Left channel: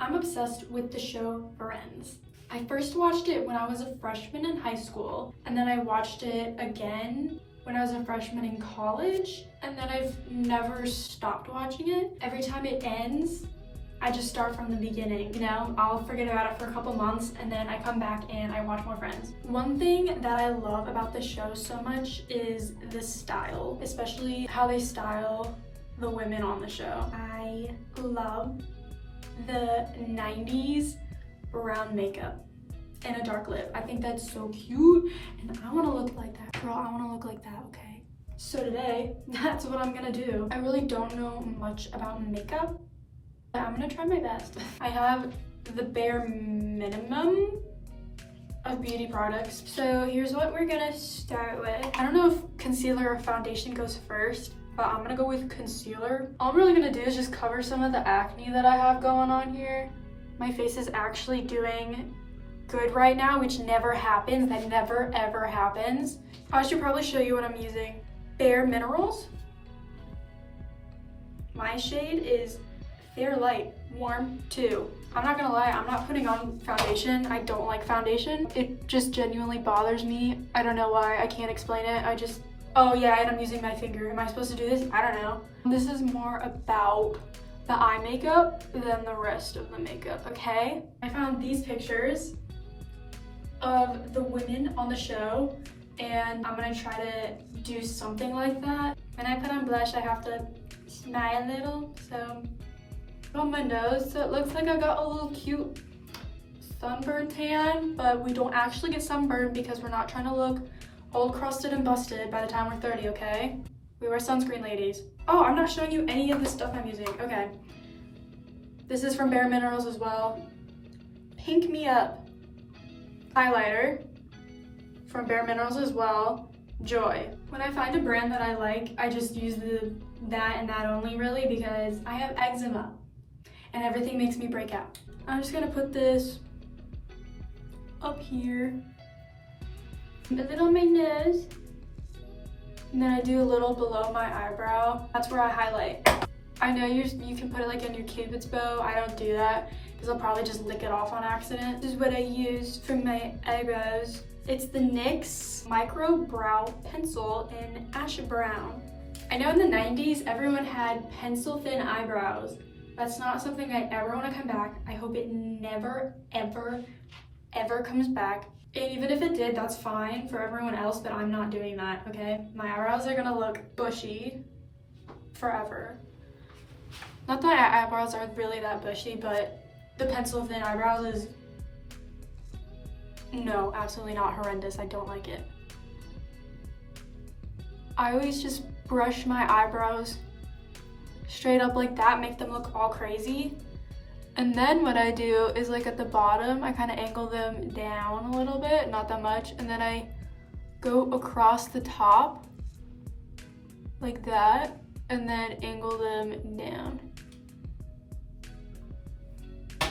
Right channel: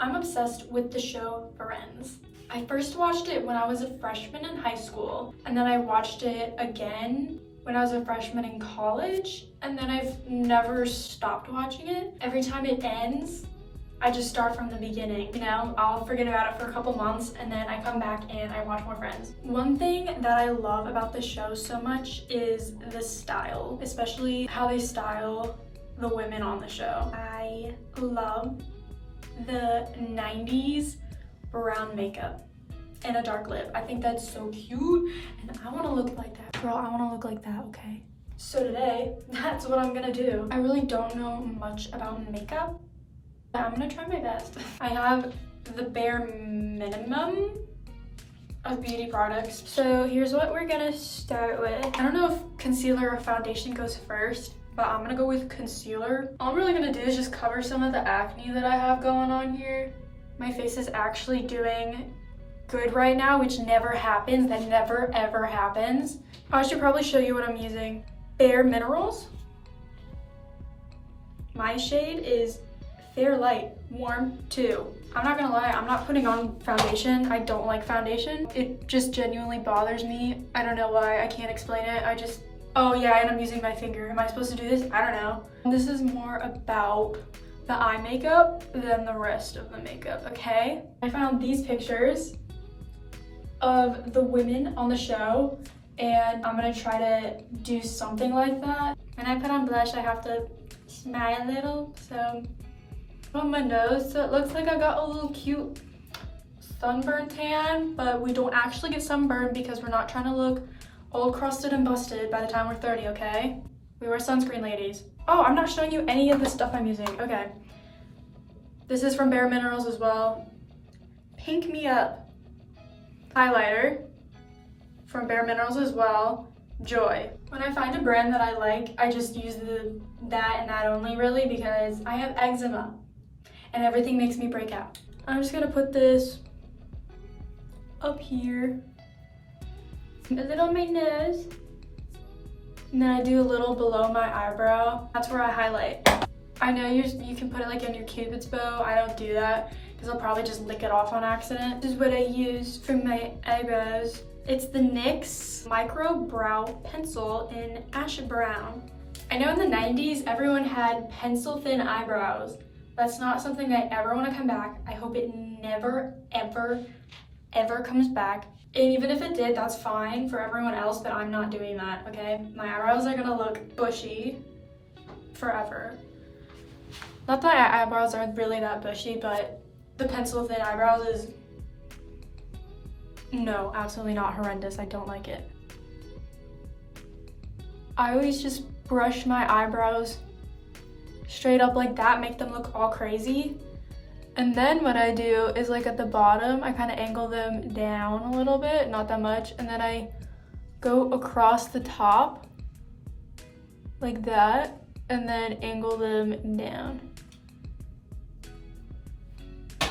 I'm obsessed with the show Friends. I first watched it when I was a freshman in high school, and then I watched it again when I was a freshman in college, and then I've never stopped watching it. Every time it ends, I just start from the beginning, you know? I'll forget about it for a couple months and then I come back and I watch more Friends. One thing that I love about the show so much is the style, especially how they style the women on the show. I love the 90s brown makeup and a dark lip. I think that's so cute and I wanna look like that. Girl, I wanna look like that, okay? So today, that's what I'm gonna do. I really don't know much about makeup. I'm gonna try my best. I have the bare minimum of beauty products. So here's what we're gonna start with. I don't know if concealer or foundation goes first, but I'm gonna go with concealer. All I'm really gonna do is just cover some of the acne that I have going on here. My face is actually doing good right now, which never happens. That never ever happens. I should probably show you what I'm using. Bare Minerals. My shade is Fair Light Warm 2. I'm not gonna lie, I'm not putting on foundation. I don't like foundation. It just genuinely bothers me. I don't know why, I can't explain it. Oh yeah, and I'm using my finger. Am I supposed to do this? I don't know. This is more about the eye makeup than the rest of the makeup, okay? I found these pictures of the women on the show and I'm gonna try to do something like that. When I put on blush, I have to smile a little, so on my nose, so it looks like I got a little cute sunburn tan, but we don't actually get sunburned because we're not trying to look old, crusted, and busted by the time we're 30, okay? We wear sunscreen, ladies. Oh, I'm not showing you any of the stuff I'm using. Okay. This is from Bare Minerals as well. Pink Me Up highlighter from Bare Minerals as well. Joy. When I find a brand that I like, I just use that and that only, really, because I have eczema and everything makes me break out. I'm just gonna put this up here, a little on my nose, and then I do a little below my eyebrow. That's where I highlight. I know you can put it like in your Cupid's bow. I don't do that because I'll probably just lick it off on accident. This is what I use for my eyebrows. It's the NYX Micro Brow Pencil in Ash Brown. I know in the 90s, everyone had pencil thin eyebrows. That's not something I ever want to come back. I hope it never, ever, ever comes back. And even if it did, that's fine for everyone else, but I'm not doing that, okay? My eyebrows are gonna look bushy forever. Not that my eyebrows aren't really that bushy, but the pencil thin eyebrows is, no, absolutely not horrendous. I don't like it. I always just brush my eyebrows straight up like that, make them look all crazy. And then what I do is, like, at the bottom, I kind of angle them down a little bit, not that much, and then I go across the top like that and then angle them down.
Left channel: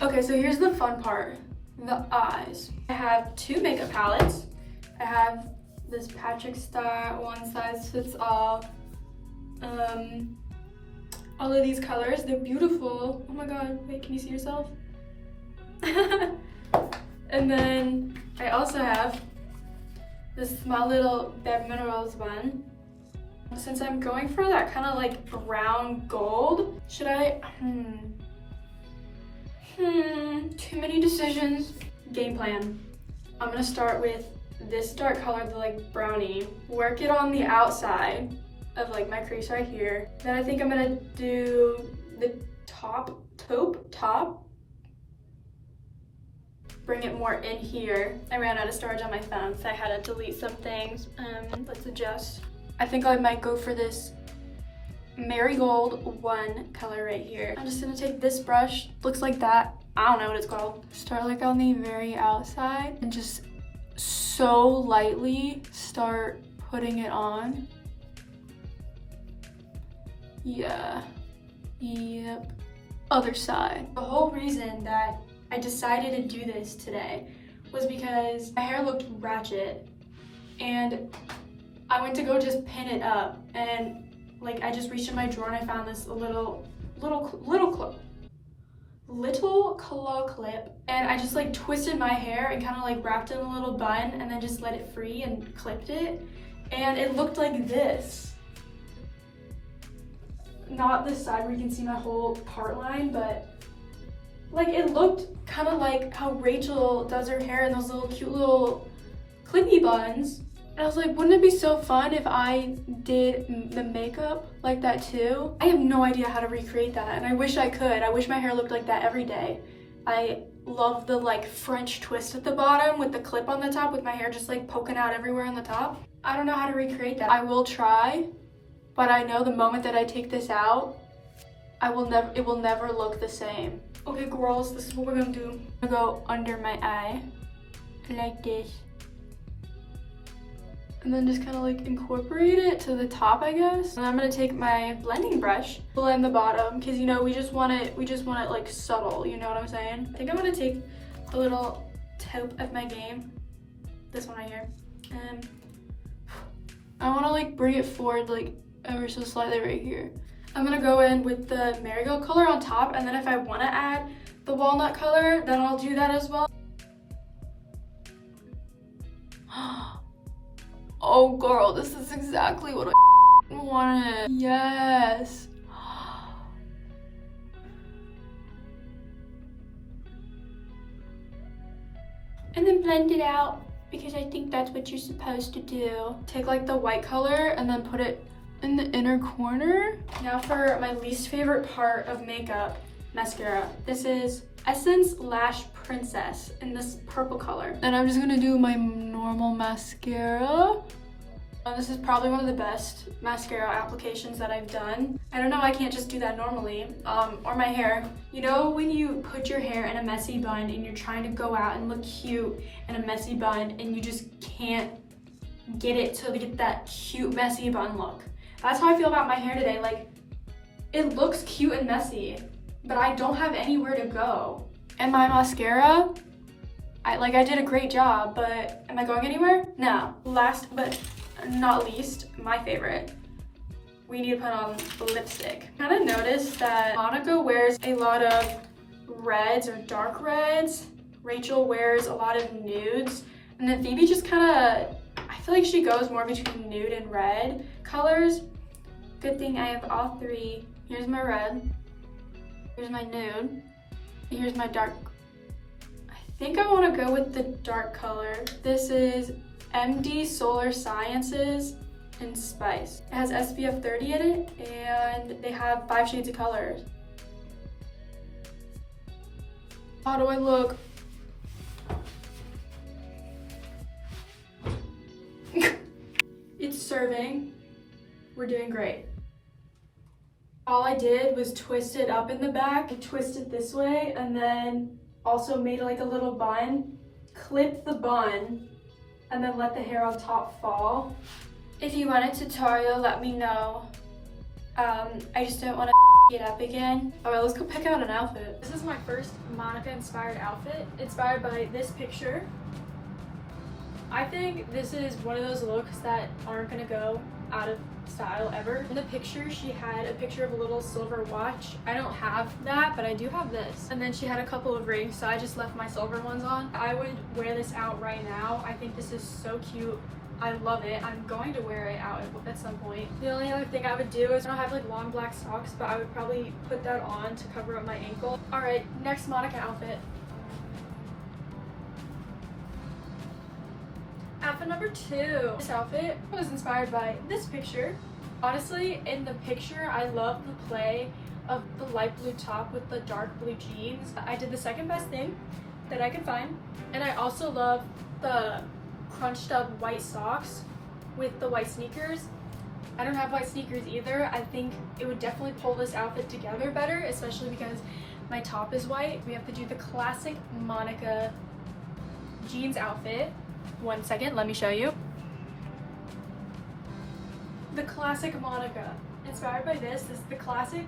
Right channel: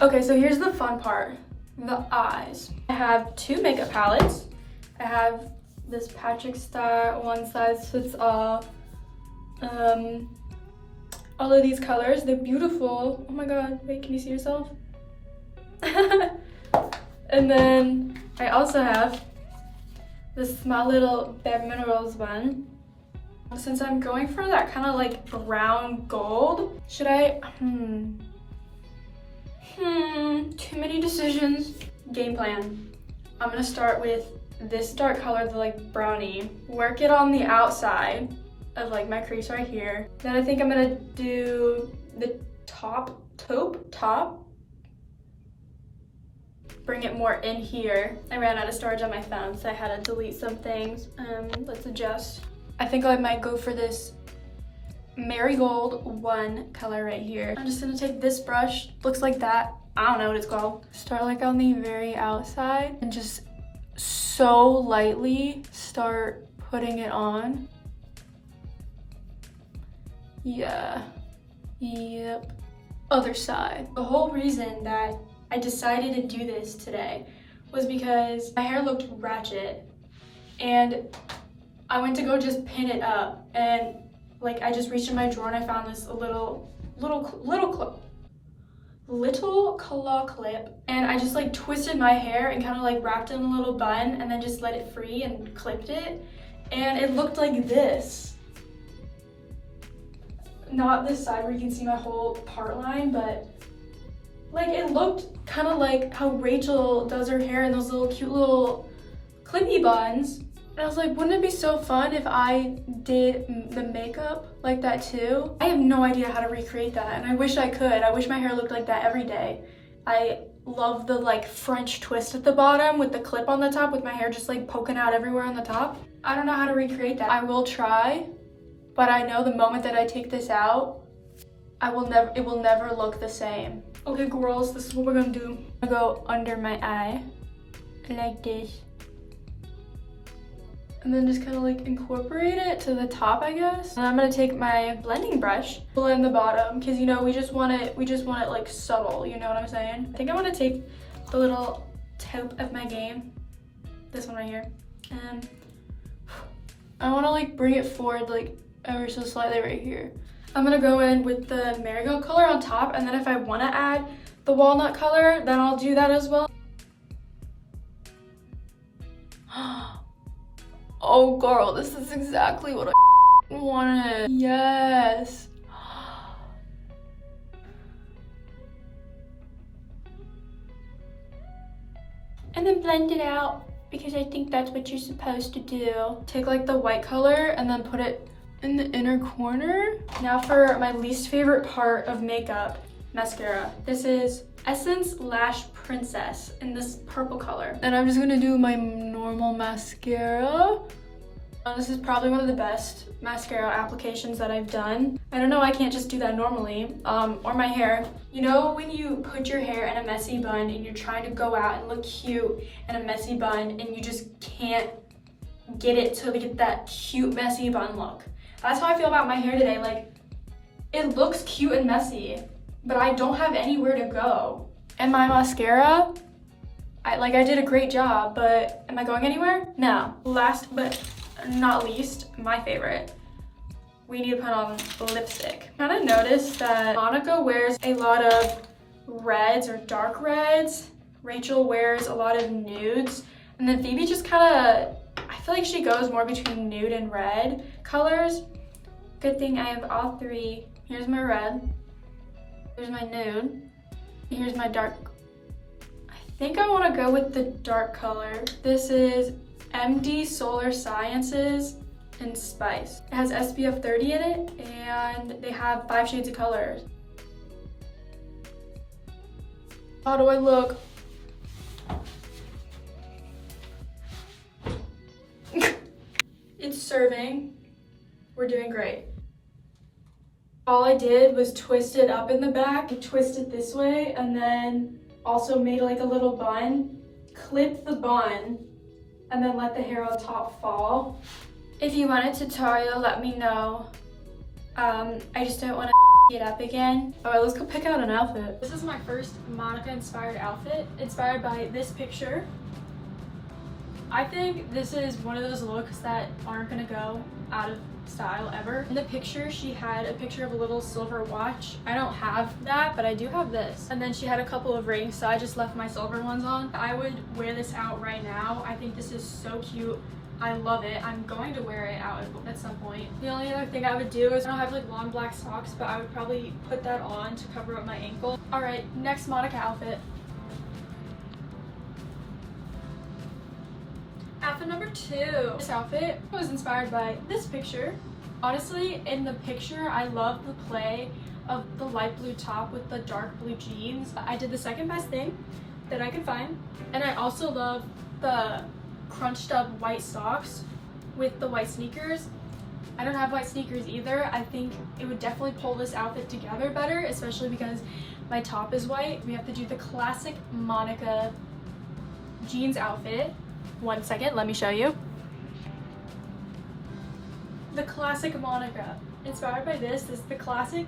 Okay, so here's the fun part, the eyes. I have two makeup palettes. I have this Patrick Star, one size fits all. All of these colors, they're beautiful. Oh my god, wait, can you see yourself? And then I also have this small little Bare Minerals one. Since I'm going for that kind of like brown gold, should I, too many decisions. Game plan. I'm gonna start with this dark color, the like brownie, work it on the outside of like my crease right here. Then I think I'm gonna do the top, bring it more in here. I ran out of storage on my phone, so I had to delete some things. Let's adjust. I think I might go for this Marigold 1 color right here. I'm just gonna take this brush, looks like that. I don't know what it's called. Start like on the very outside and just so lightly start putting it on. Yeah, yep. Other side. The whole reason that I decided to do this today was because my hair looked ratchet and I went to go just pin it up, and like I just reached in my drawer and I found this little little claw clip, and I just like twisted my hair and kind of like wrapped it in a little bun and then just let it free and clipped it, and it looked like this. Not this side where you can see my whole part line, but like it looked kind of like how Rachel does her hair in those little cute little clippy buns. And I was like, wouldn't it be so fun if I did the makeup like that too? I have no idea how to recreate that, and I wish I could. I wish my hair looked like that every day. I love the like French twist at the bottom with the clip on the top with my hair just like poking out everywhere on the top. I don't know how to recreate that. I will try, but I know the moment that I take this out, it will never look the same. Okay, girls, this is what we're gonna do. I'm gonna go under my eye like this. And then just kind of like incorporate it to the top, I guess. And I'm gonna take my blending brush, blend the bottom, because you know we just want it like subtle, you know what I'm saying? I think I want to take the little taupe of my game, this one right here, and I want to like bring it forward like ever so slightly right here. I'm gonna go in with the marigold color on top, and then if I want to add the walnut color, then I'll do that as well. Oh girl, this is exactly what I wanted. Yes. And then blend it out, because I think that's what you're supposed to do. Take like the white color and then put it in the inner corner. Now for my least favorite part of makeup, mascara. This is Essence Lash Princess in this purple color. And I'm just gonna do my normal mascara. This is probably one of the best mascara applications that I've done. I don't know, I can't just do that normally. Or my hair. You know when you put your hair in a messy bun and you're trying to go out and look cute in a messy bun and you just can't get it to get that cute messy bun look? That's how I feel about my hair today. Like, it looks cute and messy, but I don't have anywhere to go. And my mascara, I did a great job, but am I going anywhere? No. Last but not least, my favorite, we need to put on lipstick. I kind of noticed that Monica wears a lot of reds or dark reds. Rachel wears a lot of nudes. And then Phoebe just kind of, I feel like she goes more between nude and red colors. Good thing I have all three. Here's my red. Here's my nude. Here's my dark. I think I want to go with the dark color. This is MD Solar Sciences in Spice. It has SPF 30 in it, and they have 5 shades of colors. How do I look? It's serving. We're doing great. All I did was twist it up in the back, twist it this way, and then also made like a little bun, clip the bun, and then let the hair on top fall. If you want a tutorial, let me know. I just don't want to it up again. All right, let's go pick out an outfit. This is my first Monica inspired outfit, inspired by this picture. I think this is one of those looks that aren't gonna go out of style ever. In the picture, she had a picture of a little silver watch. I don't have that, but I do have this. And then she had a couple of rings, so I just left my silver ones on. I would wear this out right now. I think this is so cute. I love it. I'm going to wear it out at some point. The only other thing I would do is I don't have like long black socks, but I would probably put that on to cover up my ankle. All right, next Monica outfit. Outfit number 2. This outfit was inspired by this picture. Honestly, in the picture, I love the play of the light blue top with the dark blue jeans. I did the second best thing that I could find. And I also love the crunched up white socks with the white sneakers. I don't have white sneakers either. I think it would definitely pull this outfit together better, especially because my top is white. We have to do the classic Monica jeans outfit. One second, let me show you. The classic Monica. Inspired by this is the classic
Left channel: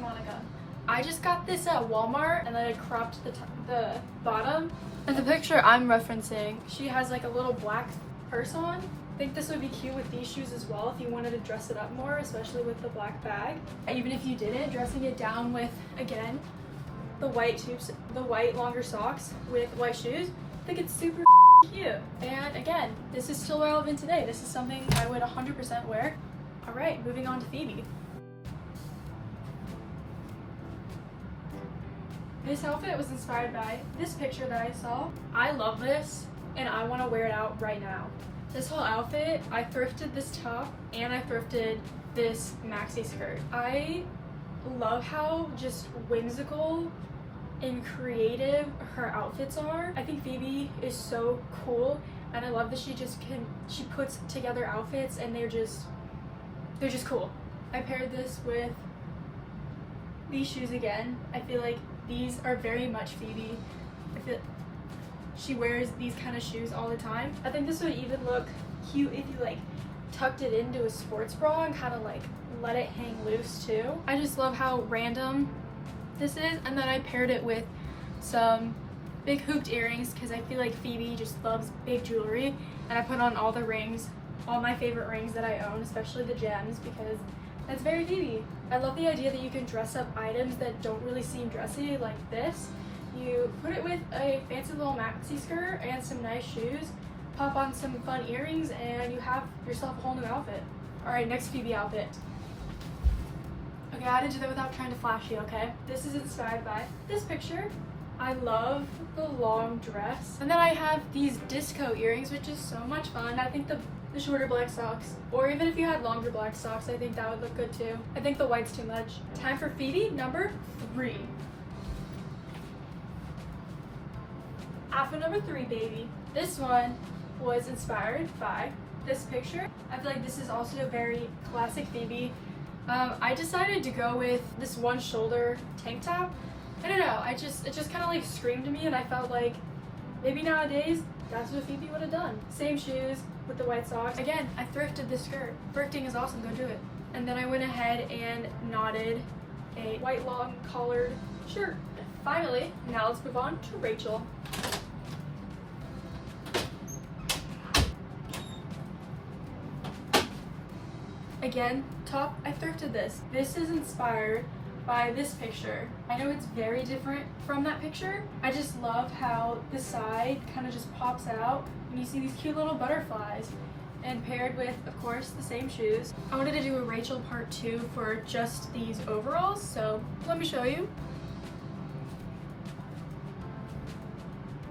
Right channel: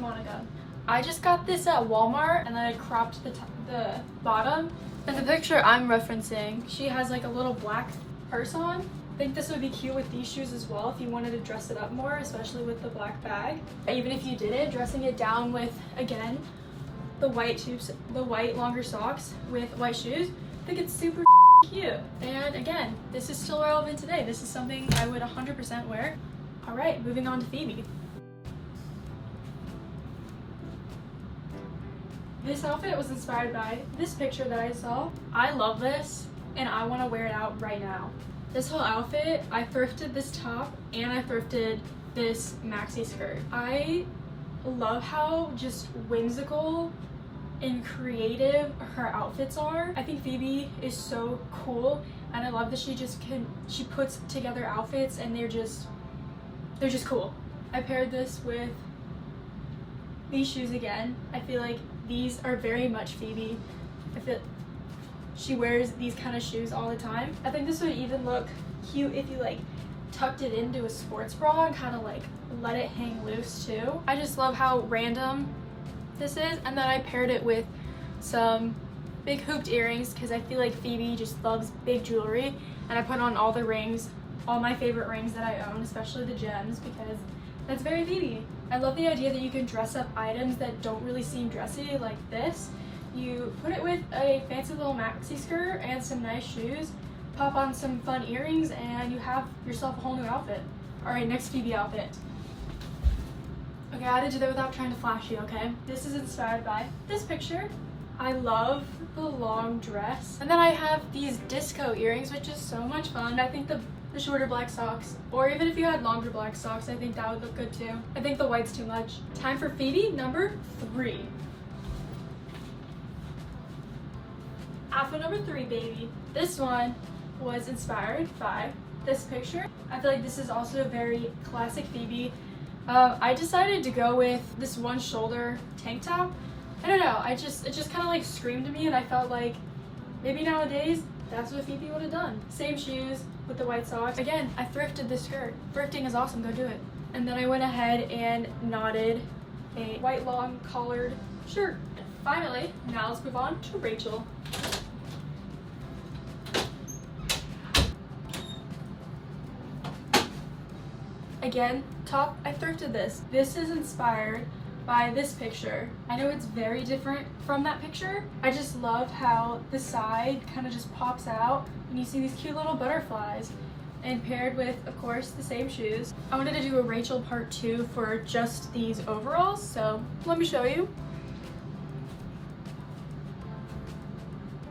Monica. I just got this at Walmart, and then I cropped the bottom. In the picture I'm referencing, she has like a little black purse on. I think this would be cute with these shoes as well if you wanted to dress it up more, especially with the black bag. Even if you didn't, dressing it down with, again, the white longer socks with white shoes. I think it's super cute. And again, this is still relevant today. This is something I would 100% wear. All right, moving on to Phoebe. This outfit was inspired by this picture that I saw. I love this and I want to wear it out right now. This whole outfit, I thrifted this top and I thrifted this maxi skirt. I love how just whimsical and creative her outfits are. I think Phoebe is so cool and I love that she puts together outfits and they're just cool. I paired this with these shoes again. I feel like these are very much Phoebe. I feel she wears these kind of shoes all the time. I think this would even look cute if you like tucked it into a sports bra and kind of like let it hang loose too. I just love how random this is, and then I paired it with some big hooped earrings because I feel like Phoebe just loves big jewelry, and I put on all the rings, all my favorite rings that I own, especially the gems, because that's very Phoebe. I love the idea that you can dress up items that don't really seem dressy like this. You put it with a fancy little maxi skirt and some nice shoes, pop on some fun earrings, and you have yourself a whole new outfit. All right, next Phoebe outfit. Okay, I had to do that without trying to flash you, okay? This is inspired by this picture. I love the long dress. And then I have these disco earrings, which is so much fun. I think the shorter black socks, or even if you had longer black socks, I think that would look good too. I think the white's too much. Time for Phoebe number 3. Outfit number 3, baby. This one was inspired by this picture. I feel like this is also very classic Phoebe. I decided to go with this one shoulder tank top. I don't know, it just kind of like screamed to me, and I felt like maybe nowadays that's what Phoebe would have done. Same shoes with the white socks. Again, I thrifted this skirt. Thrifting is awesome, go do it. And then I went ahead and knotted a white long collared shirt. Finally, now let's move on to Rachel. Again, top, I thrifted this. This is inspired by this picture. I know it's very different from that picture. I just love how the side kind of just pops out and you see these cute little butterflies, and paired with, of course, the same shoes. I wanted to do a Rachel part 2 for just these overalls, so let me show you.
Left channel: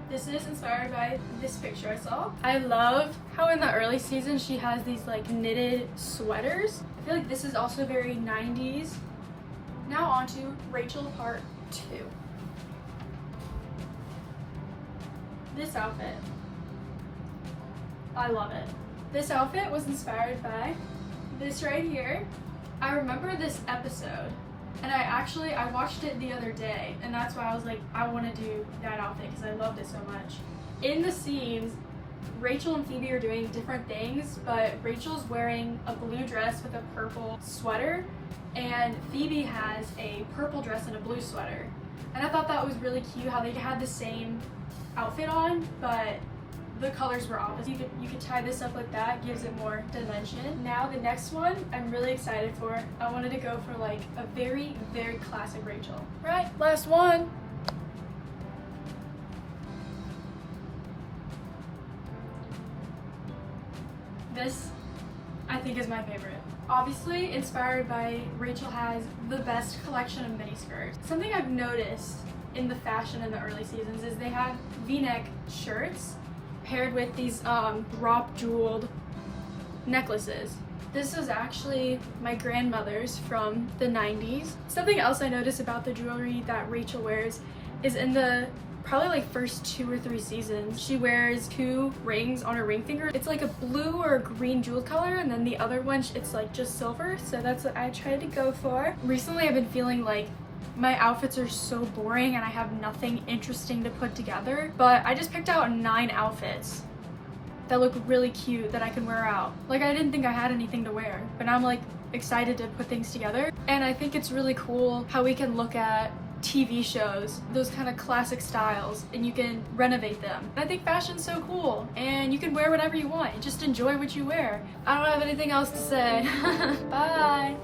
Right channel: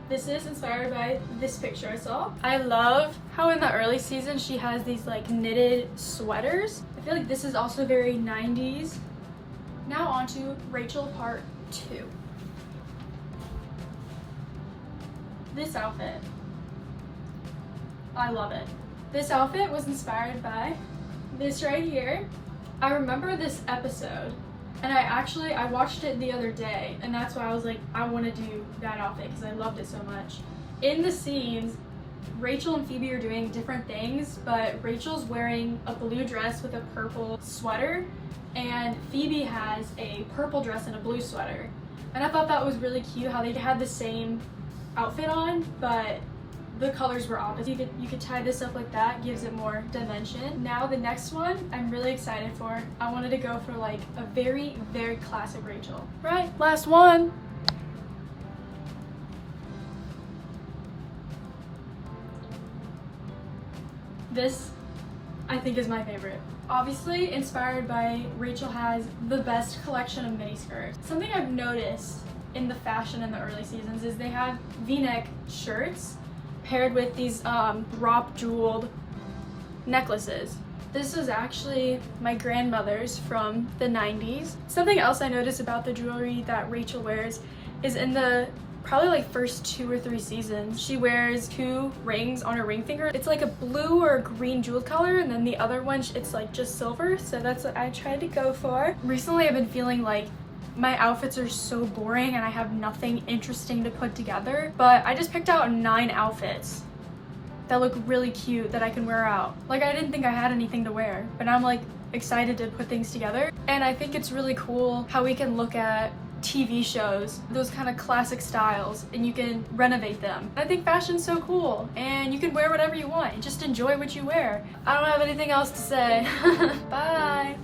This is inspired by this picture I saw. I love how in the early season she has these like knitted sweaters. I feel like this is also very 90s. Now on to Rachel part 2. This outfit. I love it. This outfit was inspired by this right here. I remember this episode, and I watched it the other day, and that's why I was like, I want to do that outfit because I loved it so much. In the scenes, Rachel and Phoebe are doing different things, but Rachel's wearing a blue dress with a purple sweater, and Phoebe has a purple dress and a blue sweater. And I thought that was really cute how they had the same outfit on, but the colors were opposite. You could tie this up like that, gives it more dimension. Now the next one I'm really excited for. I wanted to go for like a very, very classic Rachel. Right, last one. This, I think, is my favorite. Obviously inspired by Rachel has the best collection of mini skirts. Something I've noticed in the fashion in the early seasons is they have V-neck shirts paired with these drop jeweled necklaces. This is actually my grandmother's from the 90s. Something else I noticed about the jewelry that Rachel wears is in the probably like first 2 or 3 seasons, she wears 2 rings on her ring finger. It's like a blue or a green jeweled color, and then the other one, it's like just silver. So that's what I tried to go for. Recently I've been feeling like my outfits are so boring and I have nothing interesting to put together, but I just picked out 9 outfits that look really cute that I can wear out. Like, I didn't think I had anything to wear, but now I'm like excited to put things together. And I think it's really cool how we can look at TV shows, those kind of classic styles, and you can renovate them. I think fashion's so cool, and you can wear whatever you want and just enjoy what you wear. I don't have anything else to say. Bye.